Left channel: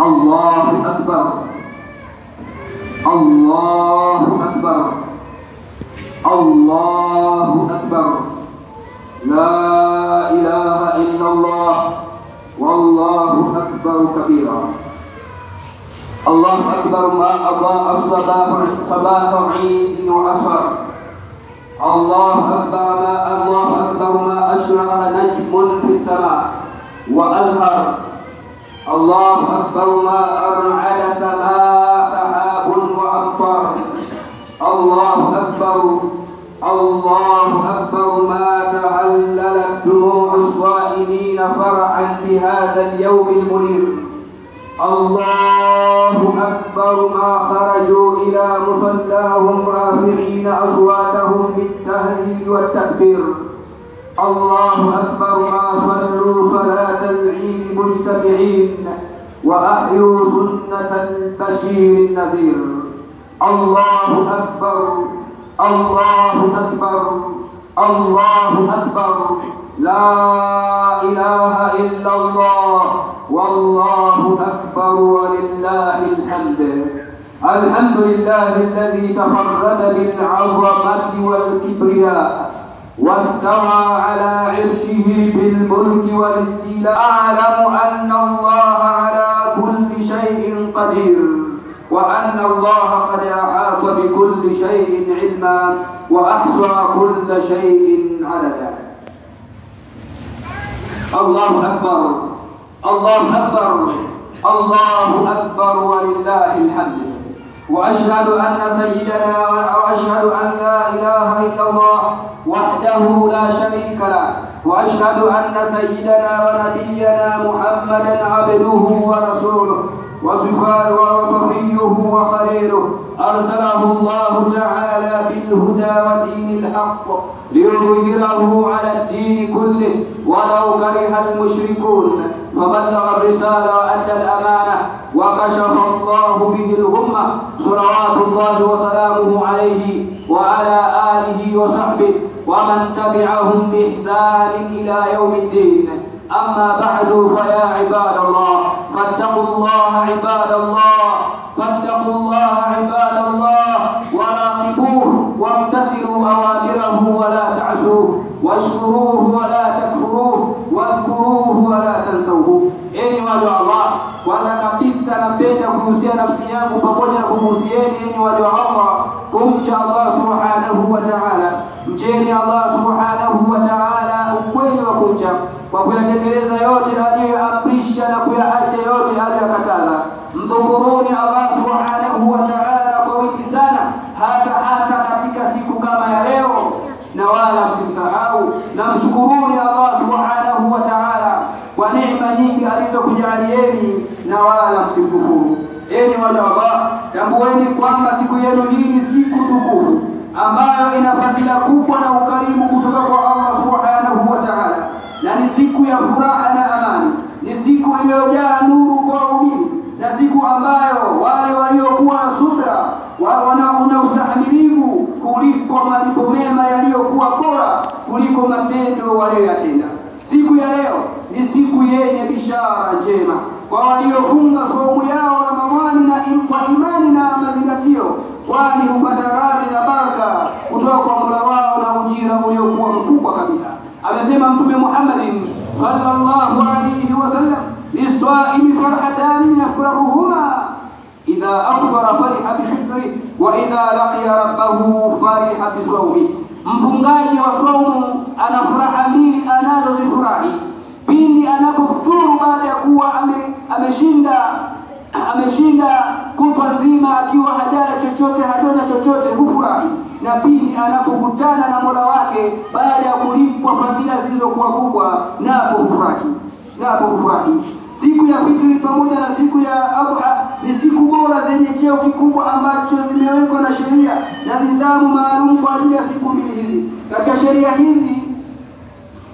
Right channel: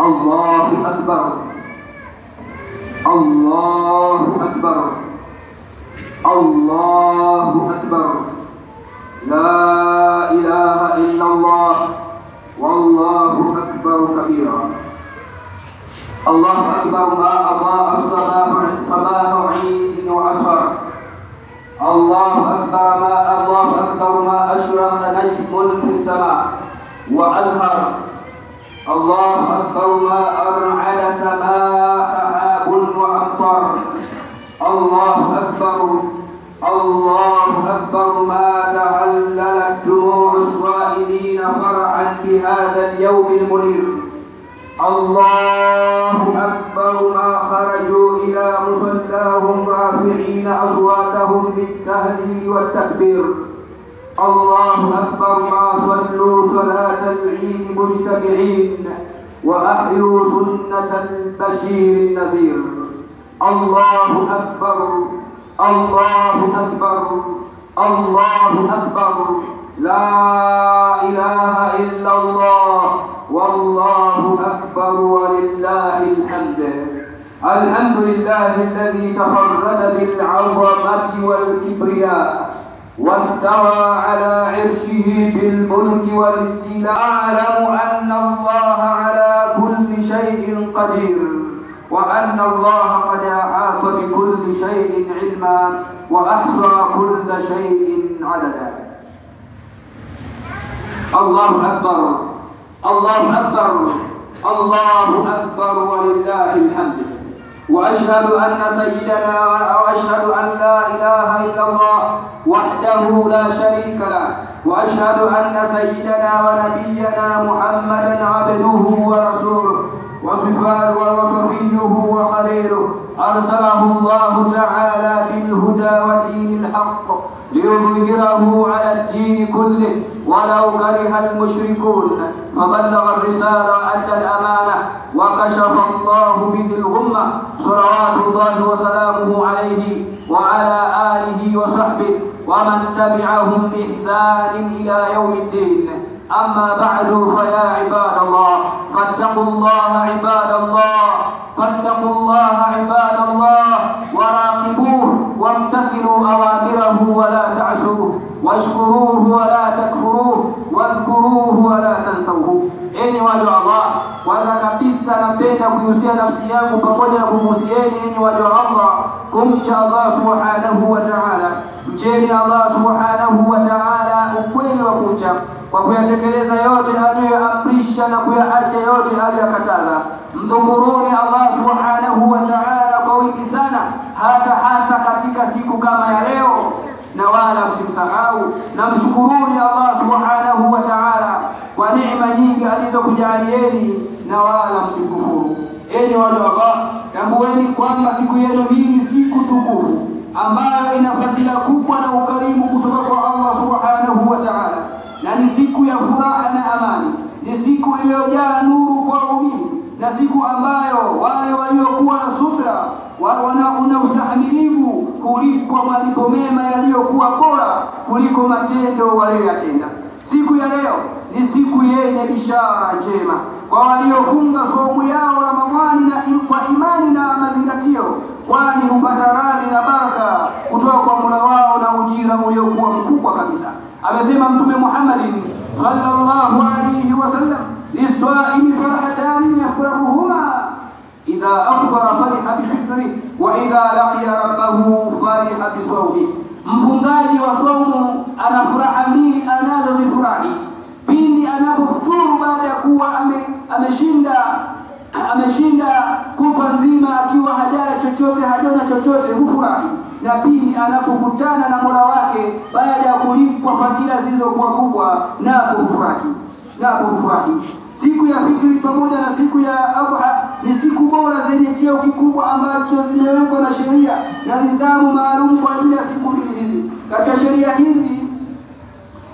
الله أكبر الله أكبر الله أكبر لا إله إلا الله والله أكبر كبيرا الله أكبر ما أضاء صباح عيد وأسفر الله أكبر ما أشرق نجم في السماء وأزهر الله أكبر ما أرعد سماء سحاب وأمطر الله أكبر ما تهللت دموع الصائمين فرحا بهذا اليوم المنير الله أكبر ما خرجوا إلى مصلاهم رافعين أصواتهم بالتهليل والتكبير الله أكبر ما صلوا صلاة العيد مجتمعين وأحيوا سنة البشير النذير الله أكبر الله أكبر الله أكبر لا إله إلا الله والله أكبر ولله الحمد الحمد لله الذي تفرد بالعظمة والكبرياء واستوى على عرشه بالملك والاستيلاء أعلم أن الله على كل شيء قدير وأن الله قد أحاط بكل شيء علما وأحصى كل شيء عددا الله أكبر الله أكبر الله أكبر ولله الحمد وأشهد أن سيدنا وأشهد أن لا إله إلا الله وحده لا شريك له وأشهد أن سيدنا ونبينا محمدا عبده ورسوله وصفيه وخليله أرسله الله تعالى بالهدى ودين الحق ليظهره على الدين كله ولو كره المشركون فبلغ الرسالة وأدى الأمانة وكشف الله به الغمة صلوات الله وسلامه عليه وعلى آله وصحبه ومن تبعهم بإحسان إلى يوم الدين أما بعد فيا عباد الله فاتقوا الله عباد الله فاتقوا الله عباد الله وراقبوه وامتثلوا أوامره ولا تعصوه واشكروه ولا تكفروه واذكروه ولا تنسوه. Enyi waja wa Allah, kwanza kabisa napenda kuhusia nafsi yangu pamoja na kuhusieni enyi waja wa Allah kumcha Allah subhanahu wa ta'ala. Mcheni Allah subhanahu wa ta'ala ukweli wa kumcha kwa kuyatekeleza yote aliyoamrisha na kuyaacha yote aliyokataza. Mdhukuruni Allah subhanahu wa ta'ala kwa wingi sana, hata hasa katika siku kama ya leo, na wala msimsahau na mshukuruni Allah subhanahu wa ta'ala kwa neema nyingi alizokujalieni, na wala msikufuru. Enyi waja wa Allah, tambueni kwamba siku yenu hii ni siku tukufu ambayo ina fadhila kubwa na ukarimu kutoka kwa Allah subhanahu wa ta'ala, na ni siku ya furaha na amani, ni siku iliyojaa nuru kwa waumini, na siku ambayo wale waliokuwa na subra wana ustahimilivu kulipwa malipo mema yaliyokuwa bora kuliko matendo waliyotenda. Siku ya leo ni siku yenye bishara njema kwa waliofunga saumu yao Ramadhani na kwa imani na mazingatio, kwani hupata radhi na baraka kutoka kwa Mola wao na ujira uliokuwa mkubwa kabisa. Amesema Mtume Muhammad sallallahu alayhi wasallam, "Lis-sa'imi farhatani yafrahuhuma idha afṭara fariha bi-fitri wa idha laqiya rabbahu fariha bi-sawmi." Mfungaji wa saumu ana furaha mbili anazozifurahi pindi anapofuturu baada ya kuwa ameshinda kutwa nzima akiwa hajala chochote, hajona chochote, hufurahi, na pindi anapokutana na Mola wake baada ya kulipwa fadhila zilizokuwa kubwa, napo hufurahi. Siku ya fitri pamoja na siku ya Adha ni siku bora zenye cheo kikubwa ambacho zimewekwa na sheria na nidhamu maalum kwa ajili ya siku mbili hizi. Katika sheria hizi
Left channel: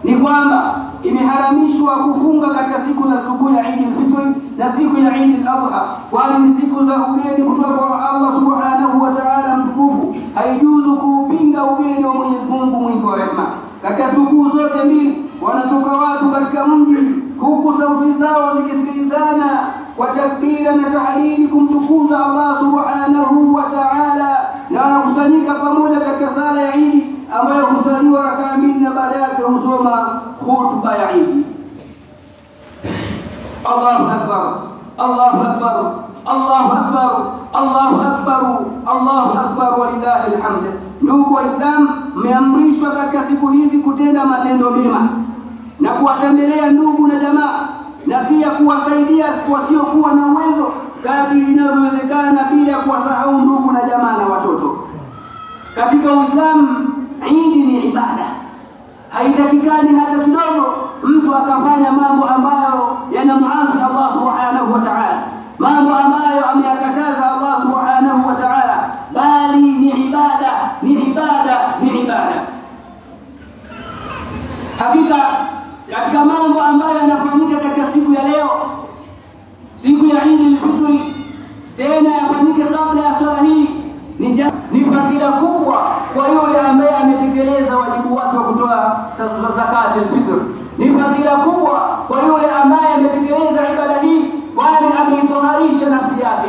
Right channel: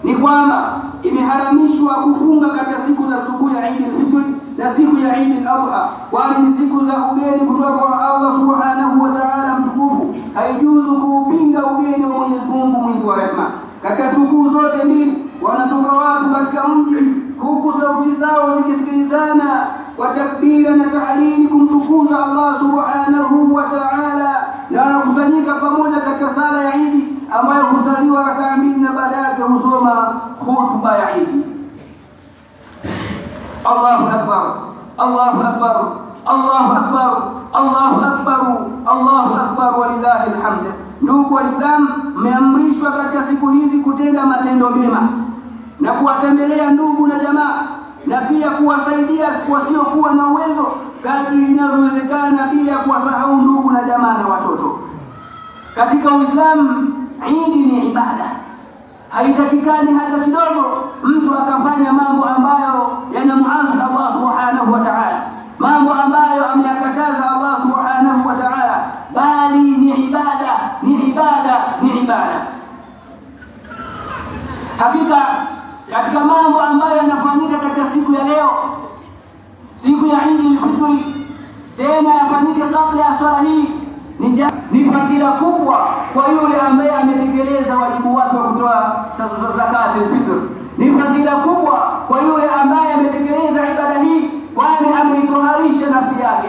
ni kwamba imeharamishwa kufunga katika siku za sikukuu ya Eid al-Fitr na siku ya Eid al-Adha, kwani ni siku za ugeni kutoka kwa Allah subhanahu wa ta'ala mtukufu. Haijuzu kuupinga ugeni wa Mwenyezi Mungu mwingi wa rehema. Katika sikukuu zote mbili wanatoka watu katika mji huku sauti zao zikisikilizana wa takbira na tahlili kumtukuza Allah subhanahu wa ta'ala, na anakusanyika pamoja katika sala ya Eid ambayo husaliwa rakaa mbili na baada yake husoma khutba ya Eid. Allahu akbar, Allahu akbar, Allahu akbar, Allahu akbar, Allahu akbar, walillahi alhamd. Ndugu Waislamu, mmeamrishwa katika siku hizi kutenda matendo mema na kuwatembelea ndugu na jamaa, na pia kuwasaidia wasiokuwa na uwezo kadri inavyowezekana, bila kuwasahau ndugu na jamaa na watoto. Katika Uislamu, Eid ni ibada. Haitakikani hata kidogo mtu akafanya mambo ambayo yanamuasi Allah subhanahu wa ta'ala, mambo ambayo ameyakataza Allah subhanahu wa ta'ala, bali ni ibada, ni ibada, ni ibada. Hakika katika mambo ambayo yanafanyika katika siku ya leo, siku ya Eid al-Fitr, tena yafanyike kabla ya swala hii, ni fadhila kubwa kwa yule ambaye ametekeleza wajibu wake wa kutoa zakat al-fitr. Ni fadhila kubwa kwa yule ambaye ametekeleza ibada hii, kwani ameitoharisha nafsi yake,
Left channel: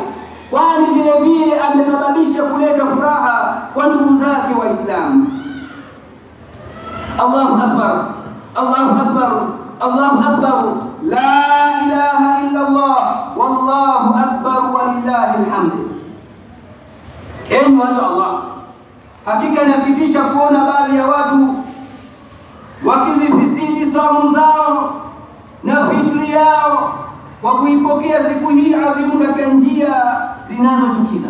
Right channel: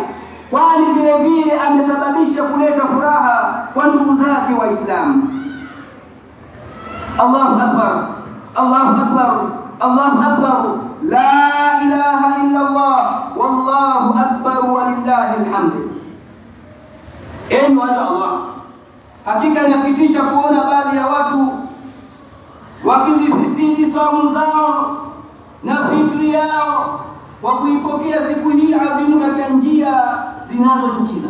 kwani vile vile amesababisha kuleta furaha kwa ndugu zake Waislamu. Allahu akbar, Allahu akbar, Allahu akbar, la ilaha illa Allah, wallahu akbar, walillahi alhamd. Enyi watu Allah, hakika inasikitisha kuona baadhi ya watu wakizifisidi saumu zao na fitri yao kwa kuipokea siku hii adhimu katika njia zinazochukiza.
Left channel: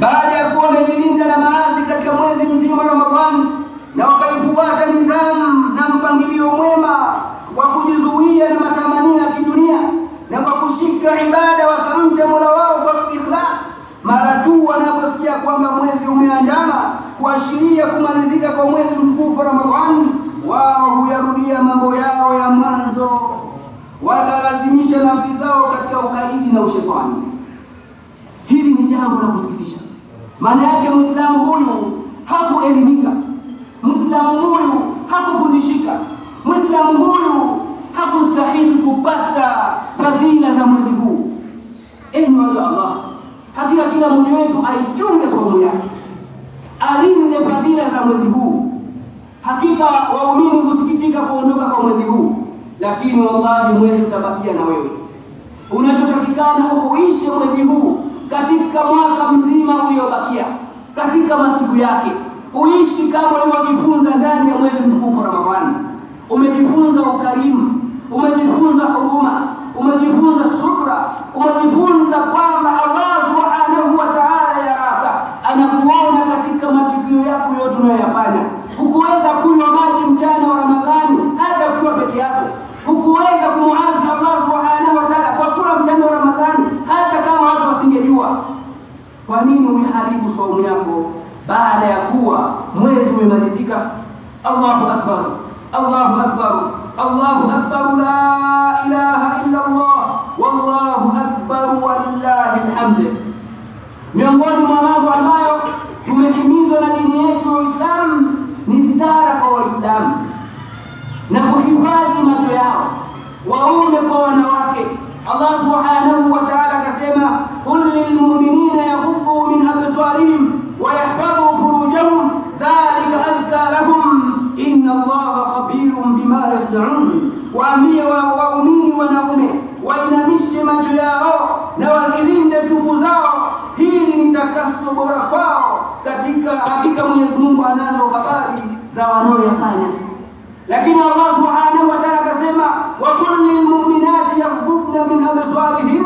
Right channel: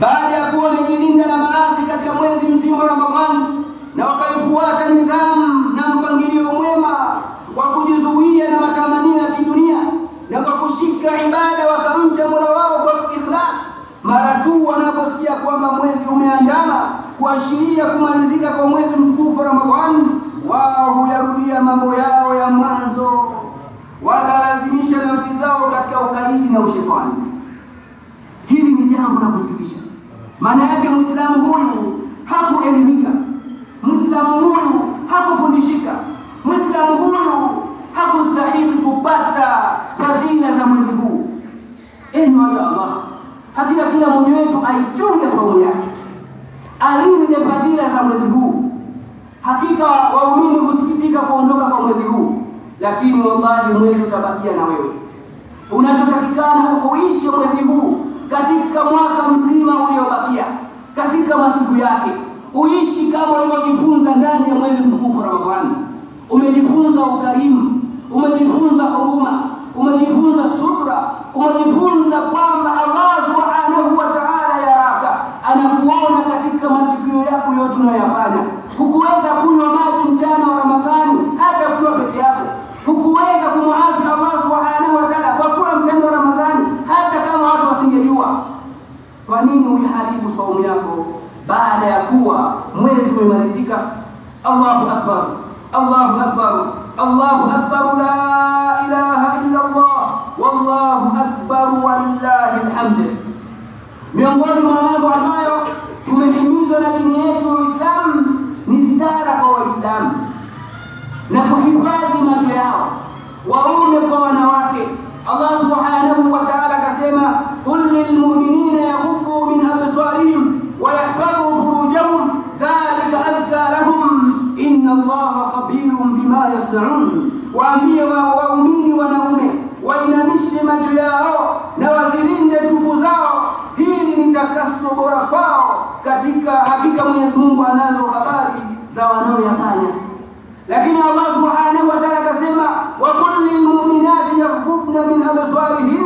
Baada ya kuwa wamejilinda na maasi katika mwezi mzima Ramadhani na wakaifuata nidhamu na mpangilio mwema wa kujizuia na matamanio ya kidunia, na kwa kushika ibada wakamcha Mola wao kwa ikhlas, mara tu wanaposikia kwamba mwezi umeandama kuashiria kumalizika kwa mwezi mtukufu Ramadhani, wao huyarudia mambo yao ya mwanzo, wakalazimisha nafsi zao katika ukaidi na ushetani. Hili ni jambo la kusikitisha. Maana yake Muislamu huyu hakuelimika, Muislamu huyu hakufundishika, Muislamu huyu hakustahili kupata fadhila za mwezi huu. Enyi watu Allah, hakika kila mmoja wetu aichunge saumu yake, alinde fadhila za mwezi huu. Hakika waumini husikitika kuondoka kwa mwezi huu, lakini wallahi mwezi utabakia na wewe. Unachotakikana uhuishe mwezi huu katika mwaka mzima uliobakia, katika masiku yake. Uishi kama ulivyojifunza ndani ya mwezi mtukufu Ramadhani. Umejifunza ukarimu, umejifunza huruma, umejifunza subra, umejifunza kwamba Allah subhanahu wa ta'ala yaraka, anakuona katika matukio yako yote unayofanya. Hukuweza kunywa maji mchana wa Ramadhani hata kuwa peke yako. Hukuweza kumuasi Allah subhanahu wa ta'ala kwa kula mchana wa Ramadhani hata kama watu wasingejua. Kwa nini uiharibu saumu yako baada ya kuwa mwezi umemalizika? Allahu akbar, Allahu akbar, Allahu akbar, la ilaha illa Allah, wallahu akbar, walillahi alhamd. Miongoni mwa mambo ambayo tumehimizwa na dini yetu ya Uislamu ni stara kwa Waislamu na kuhifadhi macho yao, waume kwa wanawake. Allah subhanahu wa ta'ala akasema, qul lilmu'minina yaghuddu min absarihim wa yahfadhu furujahum dhalika azka lahum inna Allaha khabirun bima yasna'un. Waambie waumini wanaume wainamishe macho yao na wazilinde tupu zao, hili ni takaso bora kwao, katika hakika Mwenyezi Mungu anazo habari za wanaoyafanya. Lakini Allah subhanahu wa ta'ala akasema, wa qul lilmu'minati yaghuddna min absarihim